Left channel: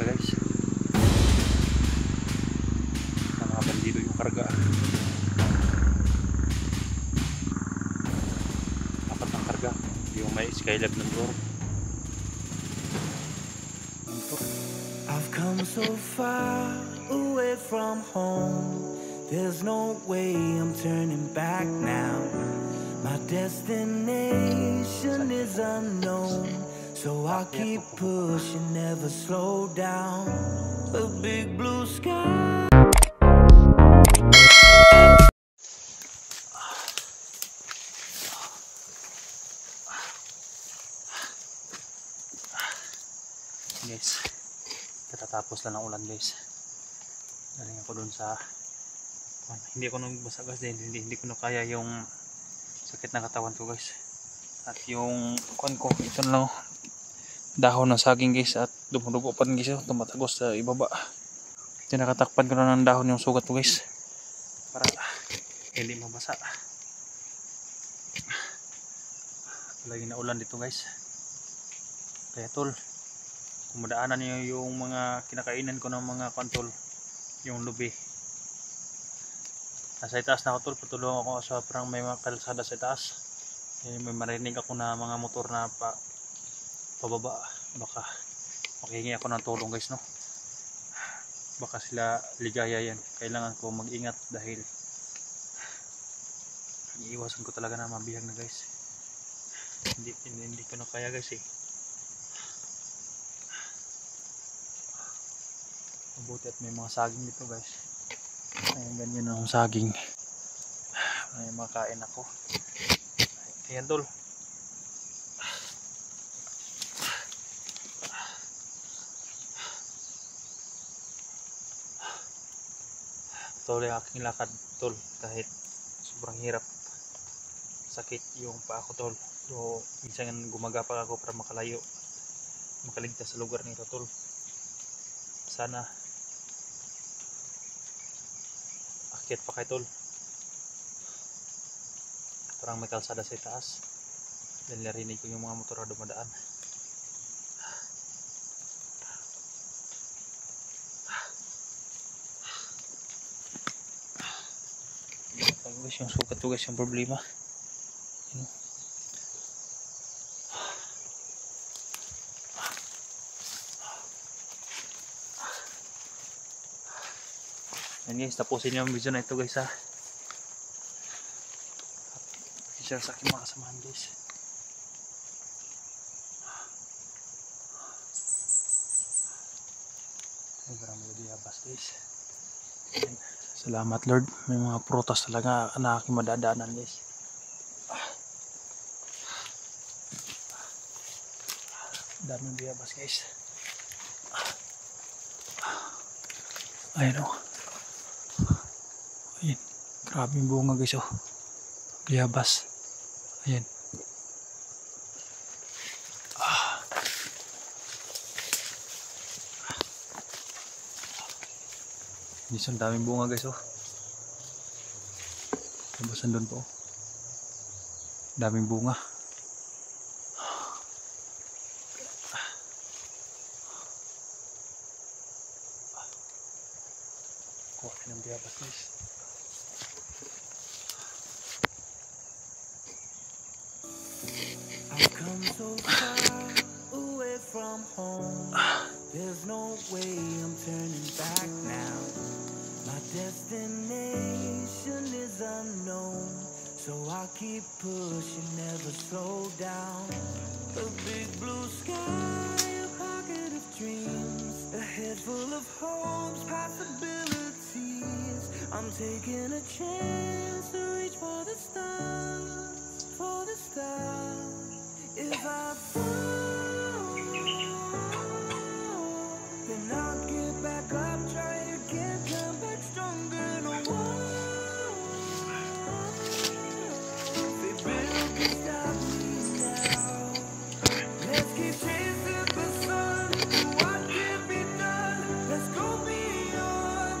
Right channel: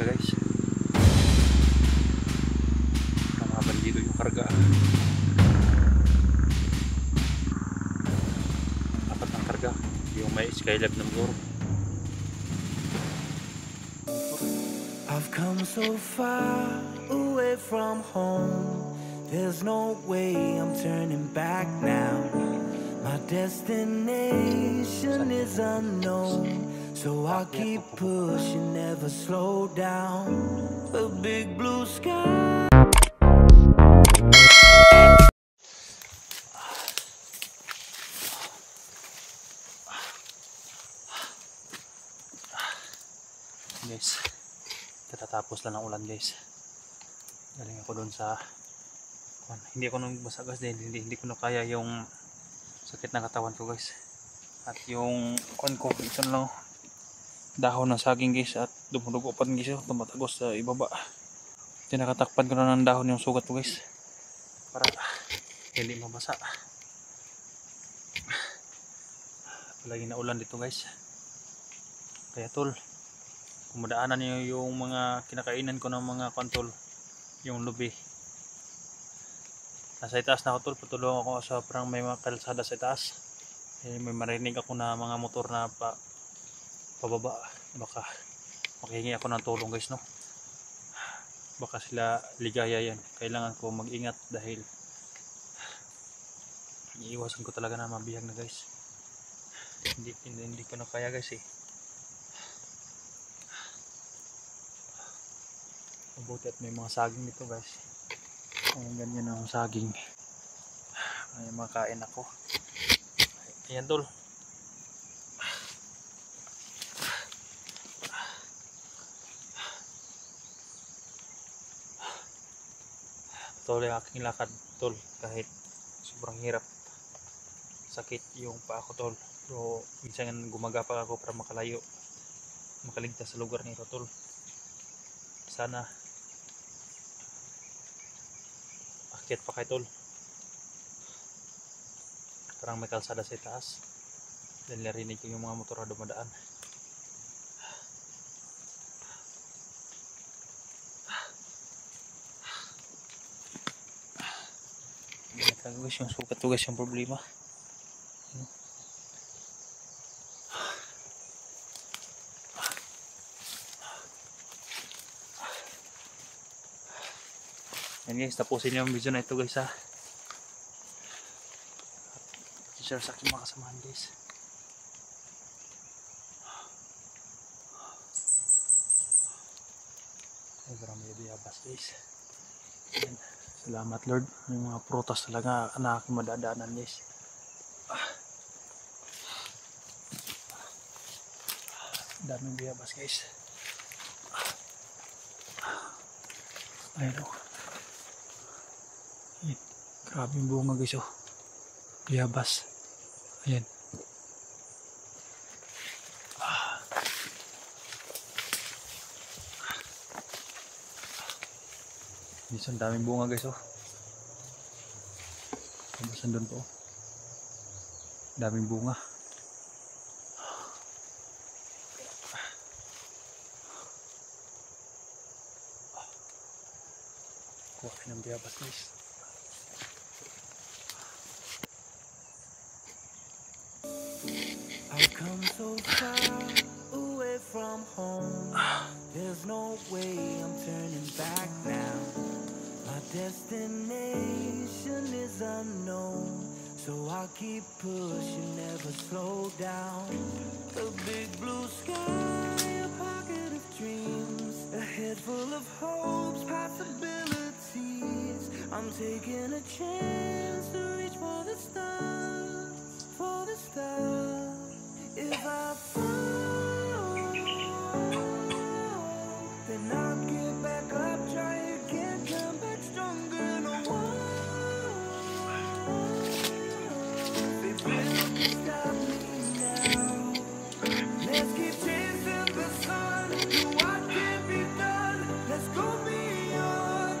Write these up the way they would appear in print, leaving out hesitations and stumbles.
karga guys. Mga bandido yung karga. Apat ng karga. Yung may Skylab ng motor. I've come so far away from home. There's no way I'm turning back now. My destination is unknown, so I'll keep pushing, never slow down. A big blue sky. Guys, katatapos lang ng ulan guys. Galing ako dun sa hindi ako nagbasa guys, hindi ko na kaya yung sakit ng katawan ko guys. At yung kuan ko, ito lang dahon ng saging guys, at dumudugo pa guys, tumatagos sa ibaba. Tinakatakpan ko na ng dahon yung sugat ko guys para hindi mabasa. Lagi na ulan dito guys. Kaya tol, kung madaanan niyo yung mga kinakainan ko ng mga kontol, yung lubi, nasa itaas na ako tol, patulong ako sa parang may mga kalsada sa itaas. May marinig ako na mga motor na pababa, baka makihingi ako ng tulong guys, no? Baka sila ligaya yan. Kailangan ko mag-ingat dahil iiwasan ko talaga na mabihag na guys. Hindi ko na kaya guys eh. Mabuti at may mga saging dito guys. Ayan, ganyan ang saging. May makain ako. Ayan tol. Tuloy aking lakad tol, kahit sobrang hirap. Sakit yung paa ko tol. Pero minsan gumagapak ako para makalayo, makaligtas sa lugar nito tol. Sana akit pa kay tol. Parang may kalsada sa itaas. Dahil narinig ko yung mga motor na dumadaan. Guys, yung sukat to guys yung problema. Yan guys, tapusin yung video na ito guys ha. Share sa aking mga kasamahan guys. Ay, parang may diabas guys. Yan. Salamat Lord, may mga prutas talaga na aking madadaanan guys. Daming diabas guys. Ayun o. Ayan, grabe yung bunga guys o. Diabas. Ayan. Isang daming bunga guys oh. Tapos nandun po. Daming bunga. Kuha ng diabas guys. I've come so far away from home. There's no way I'm turning back now. My destination is unknown, so I'll keep pushing, never slow down. A big blue sky, a pocket of dreams, a head full of hopes, possibilities. I'm taking a chance to reach for the stars, for the stars. If I fall, then I'll get back up, try again, come back stronger. No one, they built to stop me now. Let's keep chasing the sun, do what can be done. Let's go beyond,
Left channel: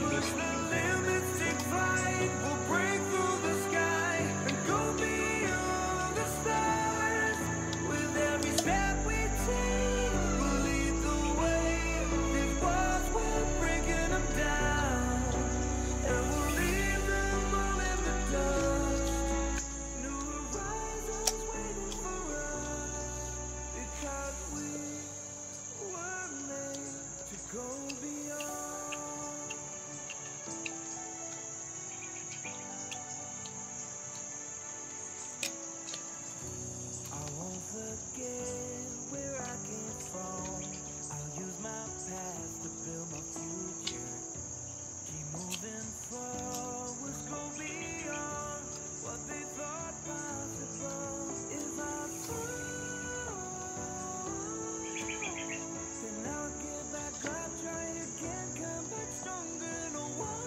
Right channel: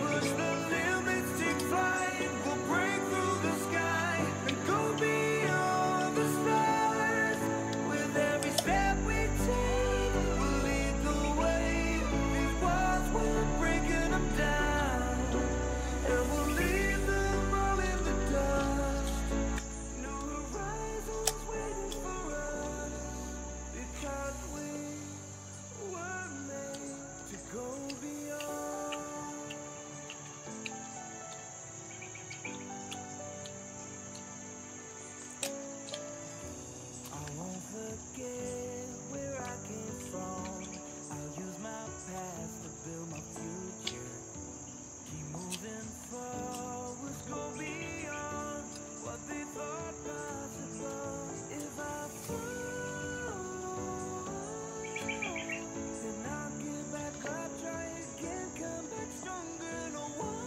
push the limits, take flight. We'll break through the sky and go beyond the stars. With every step we take, we'll leave forget where I came from. I'll use my past to build my future. Keep moving forward, go beyond what they thought possible. If I fall, then I'll get back up, try again, come back stronger. No one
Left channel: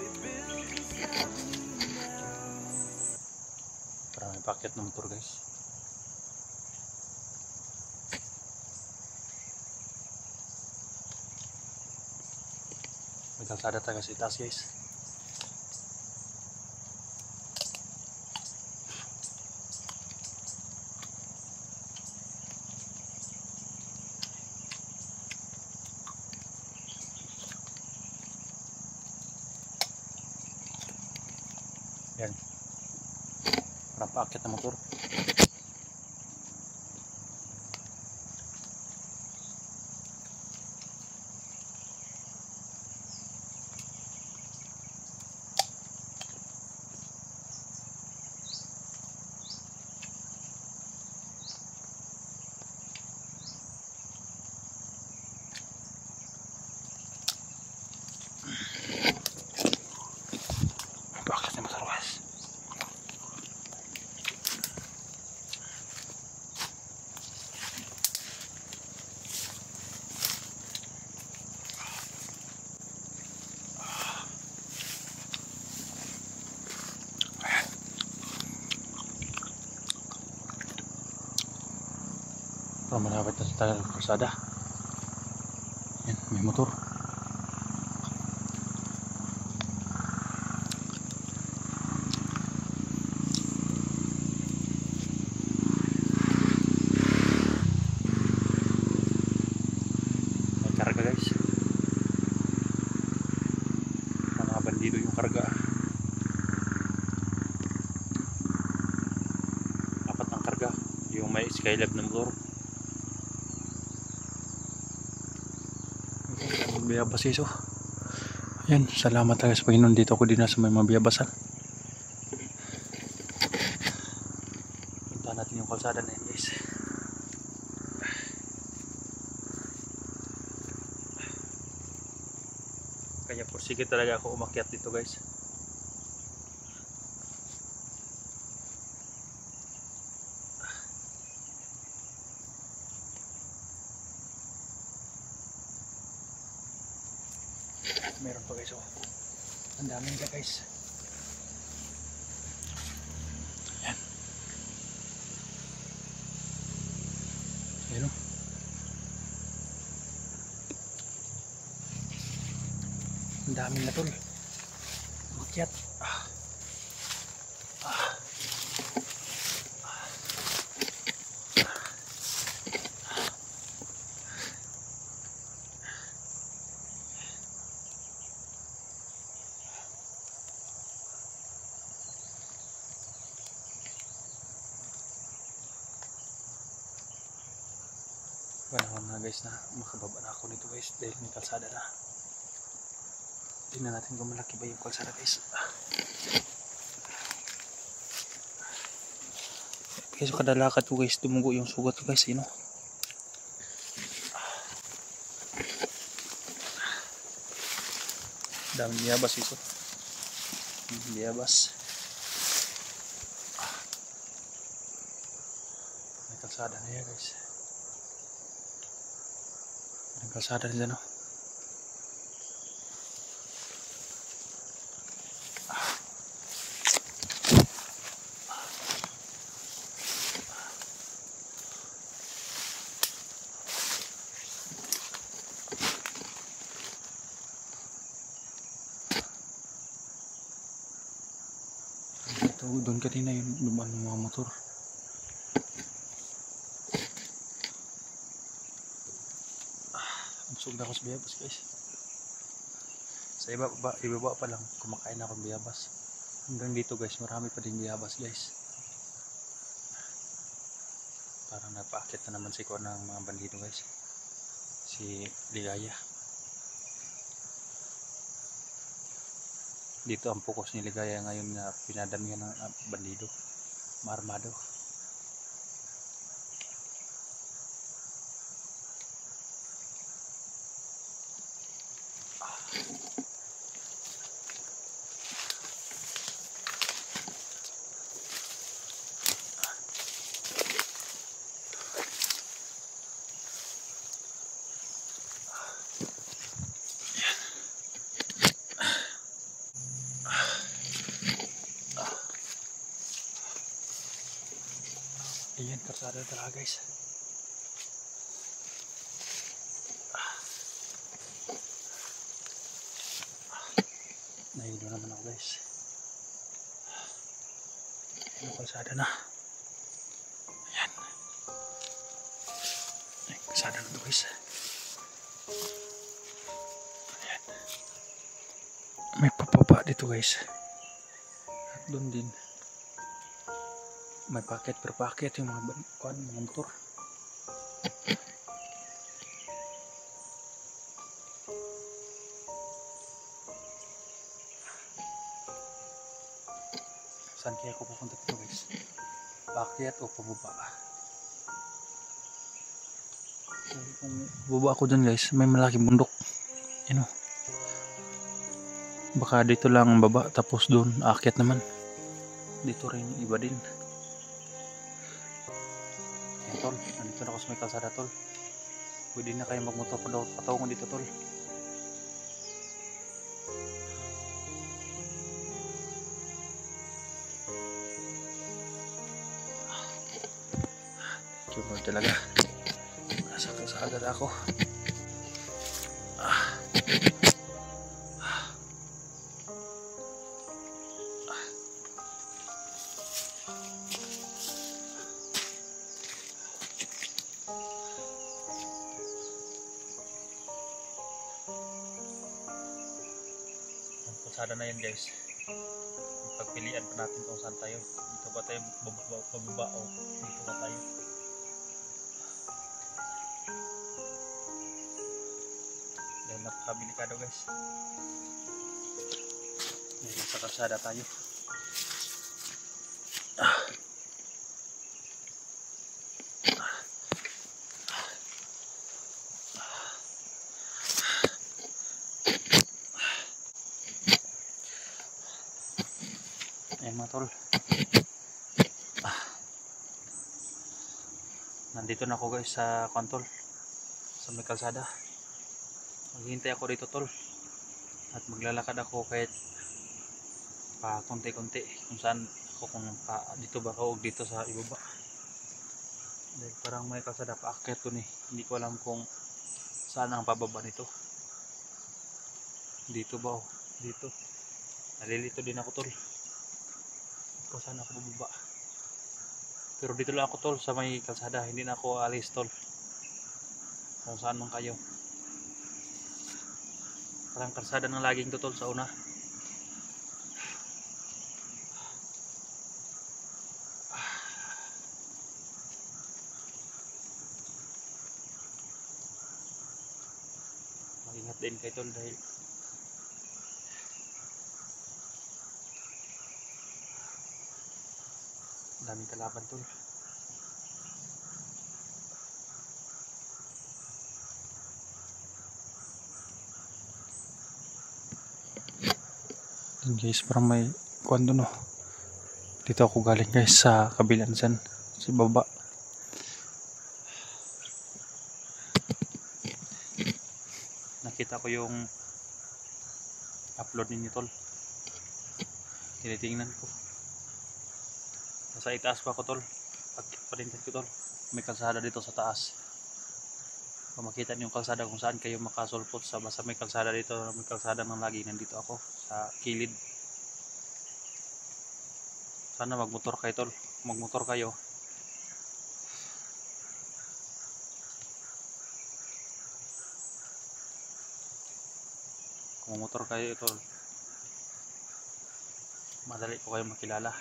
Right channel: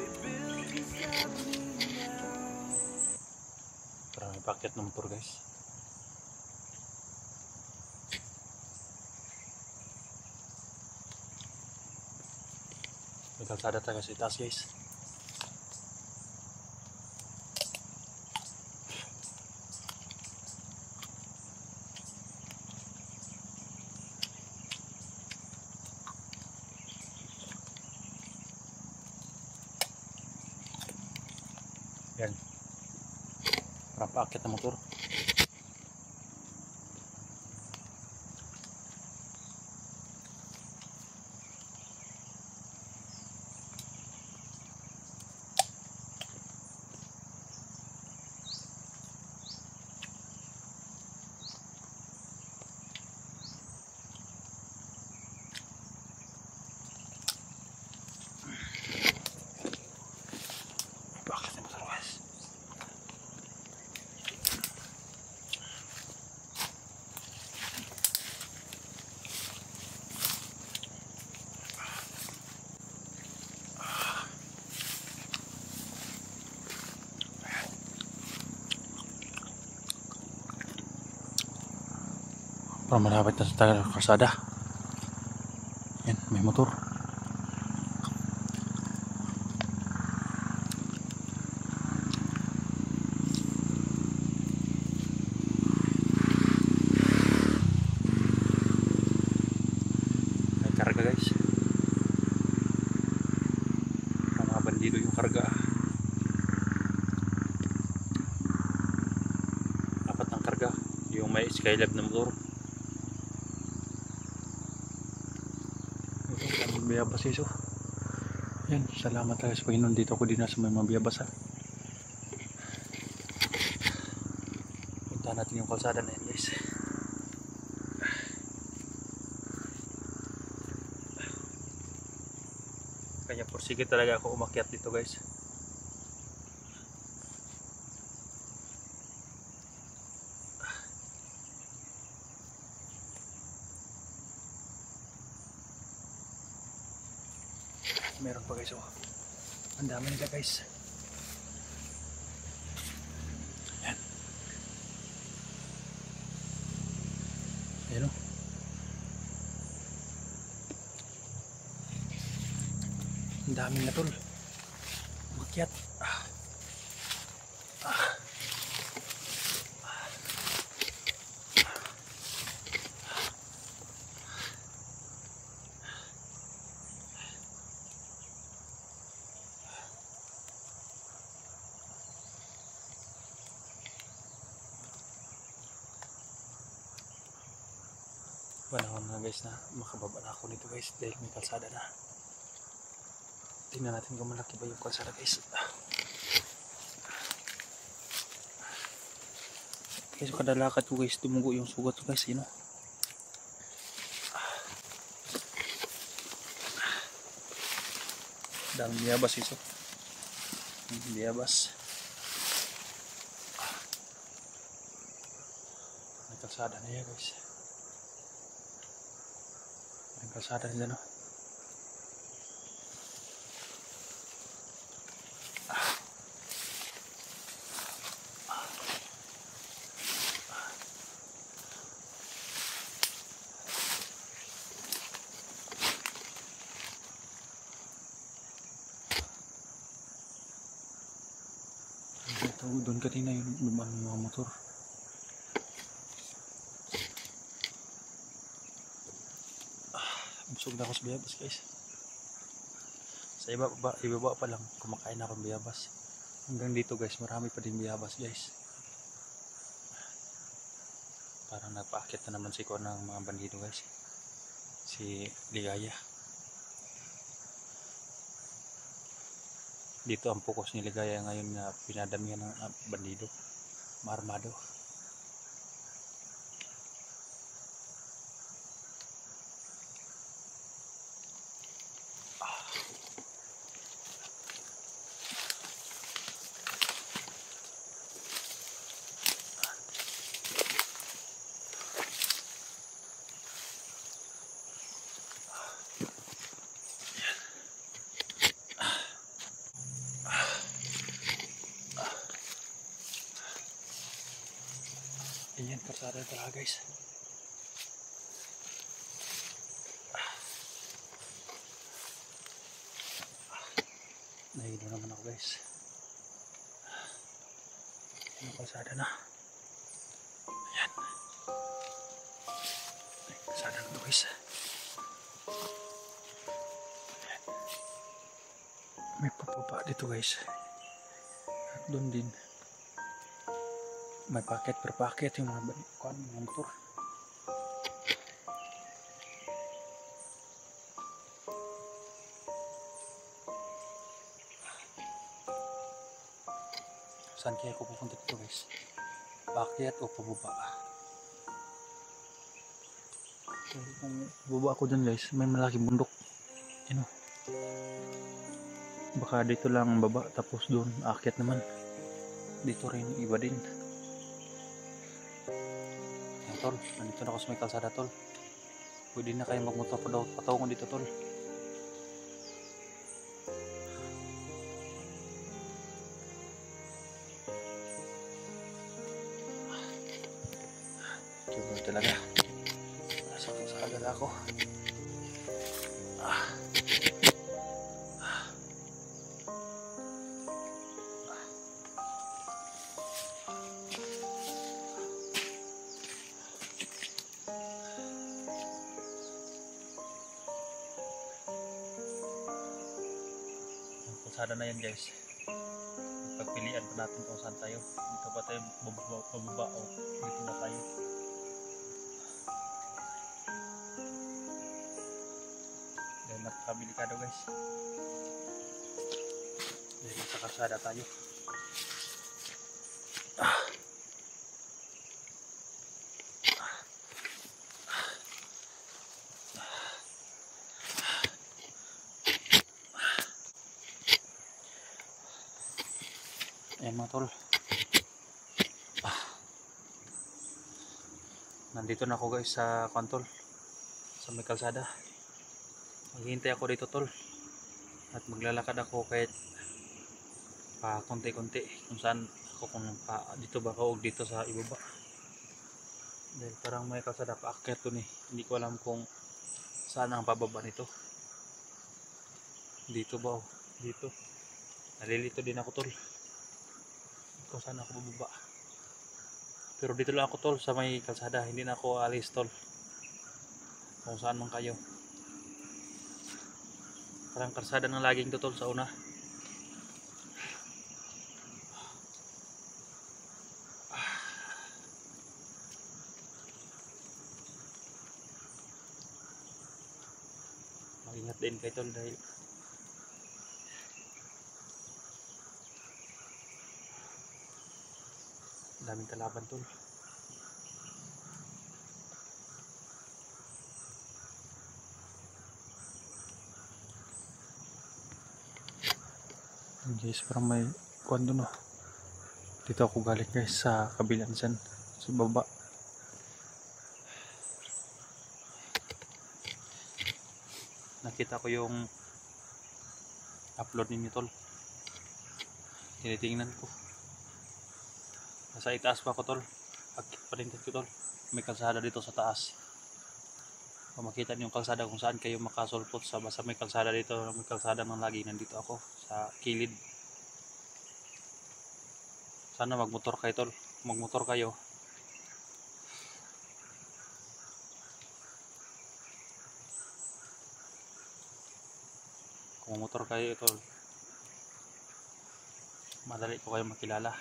they build can stop me now. Para may packet ng motor guys. May kalsada tayo sa itaas guys. Yan. Para paakit ng motor. Paakit ng motor guys. Para malapit na sa kalsada. Yan, may motor. May karga guys. Para mga bandido yung karga. Apat ng karga. Yung may Skylab na motor. Biyabasiso. Ayan, salamat tayo sa Panginoon, dito ako din sa may mabiyabasan. Punta natin yung kalsada na yan guys. Kaya pursige talaga ako umakyat dito guys. Meron pa guys, oh. Ang dami nila guys. Ayan. Ayan, oh. Ang dami na tol. Makyat. Panahon na guys na makababa na ako nito guys dahil may kalsada na. Tingnan natin kung malaki ba yung kalsada guys. Guys, kadalakat po guys, tumugo yung sugat ko guys, yun o. Daming biyabas ito. Biyabas. May kalsada na yan guys. May kalsada na dyan o. Doon kanina yung dumaan ng mga motor. Busog na ako sa biyabas guys. Sa ibaba pa lang kumakain ako ng biyabas. Hanggang dito guys, marami pa din biyabas guys. Parang nagpaakit na naman si Kuan ng mga bandido guys. Si Ligaya. Dito ang focus ni Ligaya ngayon na pinadamihan ng bandido. Marmado. Ayan, karsada talaga guys. Nahilo naman ako guys. Ano kalsada na? Ayan. Ayan, kalsada na guys. Ayan. May papaba dito guys. At doon din. May paket per paket yung mga motor. Saan kaya ako pupunta dito guys? Paket o pababa? Kung baba ako dun guys, may malaking bundok. Yan o. Baka dito lang baba tapos dun aakyat naman. Dito rin iba din. Ayan tol, nandito na ako sa may kalsada tol. Pwede na kayo magmotor patungo dito tol. Coba talaga. Sakto sa agad ako. Kalsada na yan guys. Pagpilian pa natin kung saan tayo. Dito ba tayo bababa o dito na tayo. Dahil napakabilikado guys. Dahil nasa kalsada tayo. Ayan mga tol. Nandito na ako guys sa kontol. Sa may kalsada. Maghihintay ako dito tol. At maglalakad ako kahit pa konti-konti. Kung saan ako, kung pa dito ba ako o dito sa ibaba. Dahil parang may kalsada pa akyat dun eh. Hindi ko alam kung saan ang pababa nito. Dito ba o dito. Nalilito din ako tol. Kung saan ako bababa. Pero dito lang ako tol sa may kalsada. Hindi na ako alis tol. Kung saan man kayo. Parang kalsada ng laging to tol sa una. Mag-ingat din kayo tol dahil daming kalaban tol. Guys, parang may kuwan doon oh. Dito ako galing guys sa kabilang dyan, sa baba. Nakita ko yung upload ninyo tol. Tinitingnan ko. Nasa itaas pa ako tol. Pagpalintan ko tol. May kalsada dito sa taas. Kung makita niyo yung kalsada kung saan kayo makasulpot sa basta may kalsada dito, may kalsada ng lagi nandito ako sa kilid. Sana magmotor kayo tol. Magmotor kayo. Kung motor kayo tol, madali ko kayo makilala.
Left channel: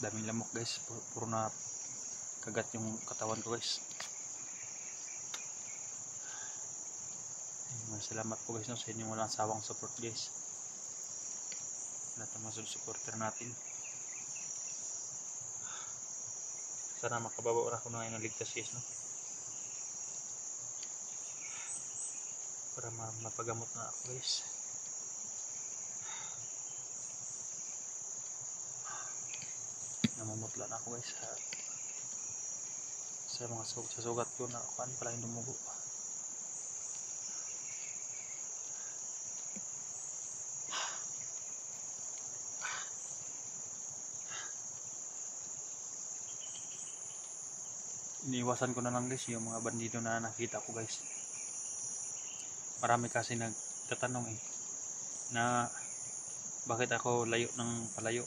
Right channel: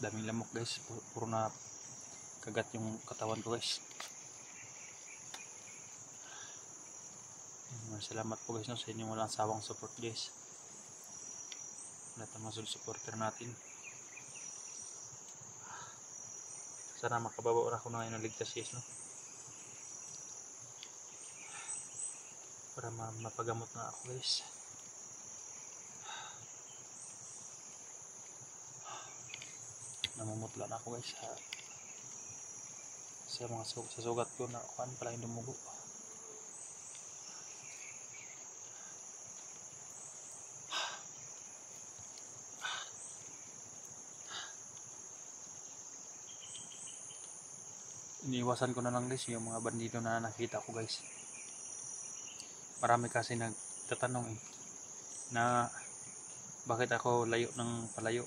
Daming lamok guys, puro na kagat yung katawan ko guys. Salamat po guys no, sa inyong walang sawang support guys. Lahat ng mga supporter natin. Sana makababa na ako na ngayon ng ligtas guys, no? Para mapagamot na ako guys. Namumutla na ako guys sa mga sa sugat ko na kuan pala yung dumugo. Iniiwasan ko na lang guys yung mga bandido na nakita ko guys. Marami kasi nagtatanong na bakit ako layo ng palayo.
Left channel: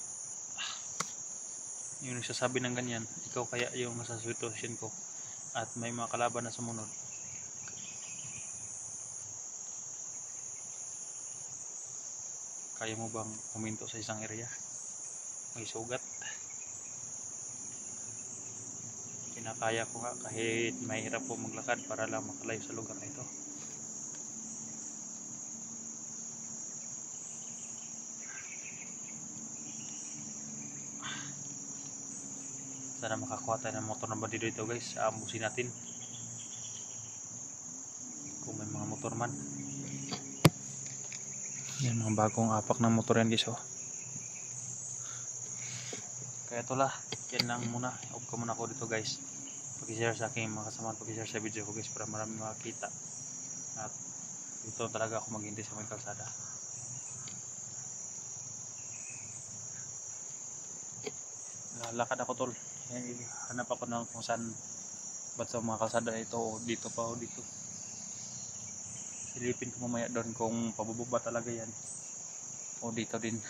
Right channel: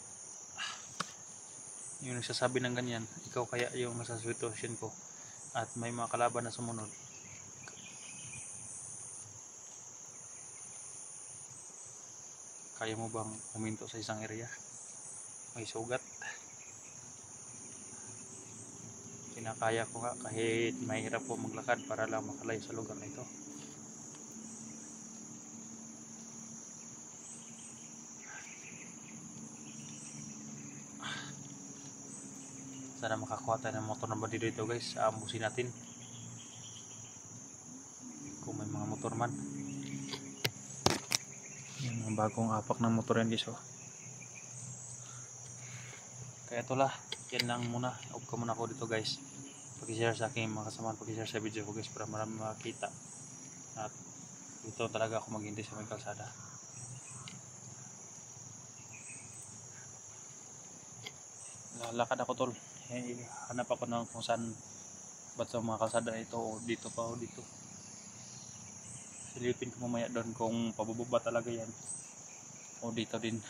Yung nagsasabi ng ganyan, ikaw kaya yung nasa sitwasyon ko at may mga kalaban na sumunod. Kaya mo bang huminto sa isang area? May sugat. Kinakaya ko nga kahit mahirap po maglakad para lang makalayo sa lugar na ito. Sana makakuha tayo ng motor na bandido dito guys. Aambusin natin kung may mga motor man. Yan mga bagong apak ng motor yan guys, oh. Kaya ito lah, yan lang muna. Off ko muna ako dito guys. Pag-share sa aking mga kasamahan, pag-share sa video ko guys para marami makakita. At dito talaga ako maghintay sa may kalsada. Lalakad ako tol. Hanap ako ng kung saan ba't sa mga kalsada ito o dito pa o dito. Silipin ko mamaya doon kung pababa talaga yan o dito din.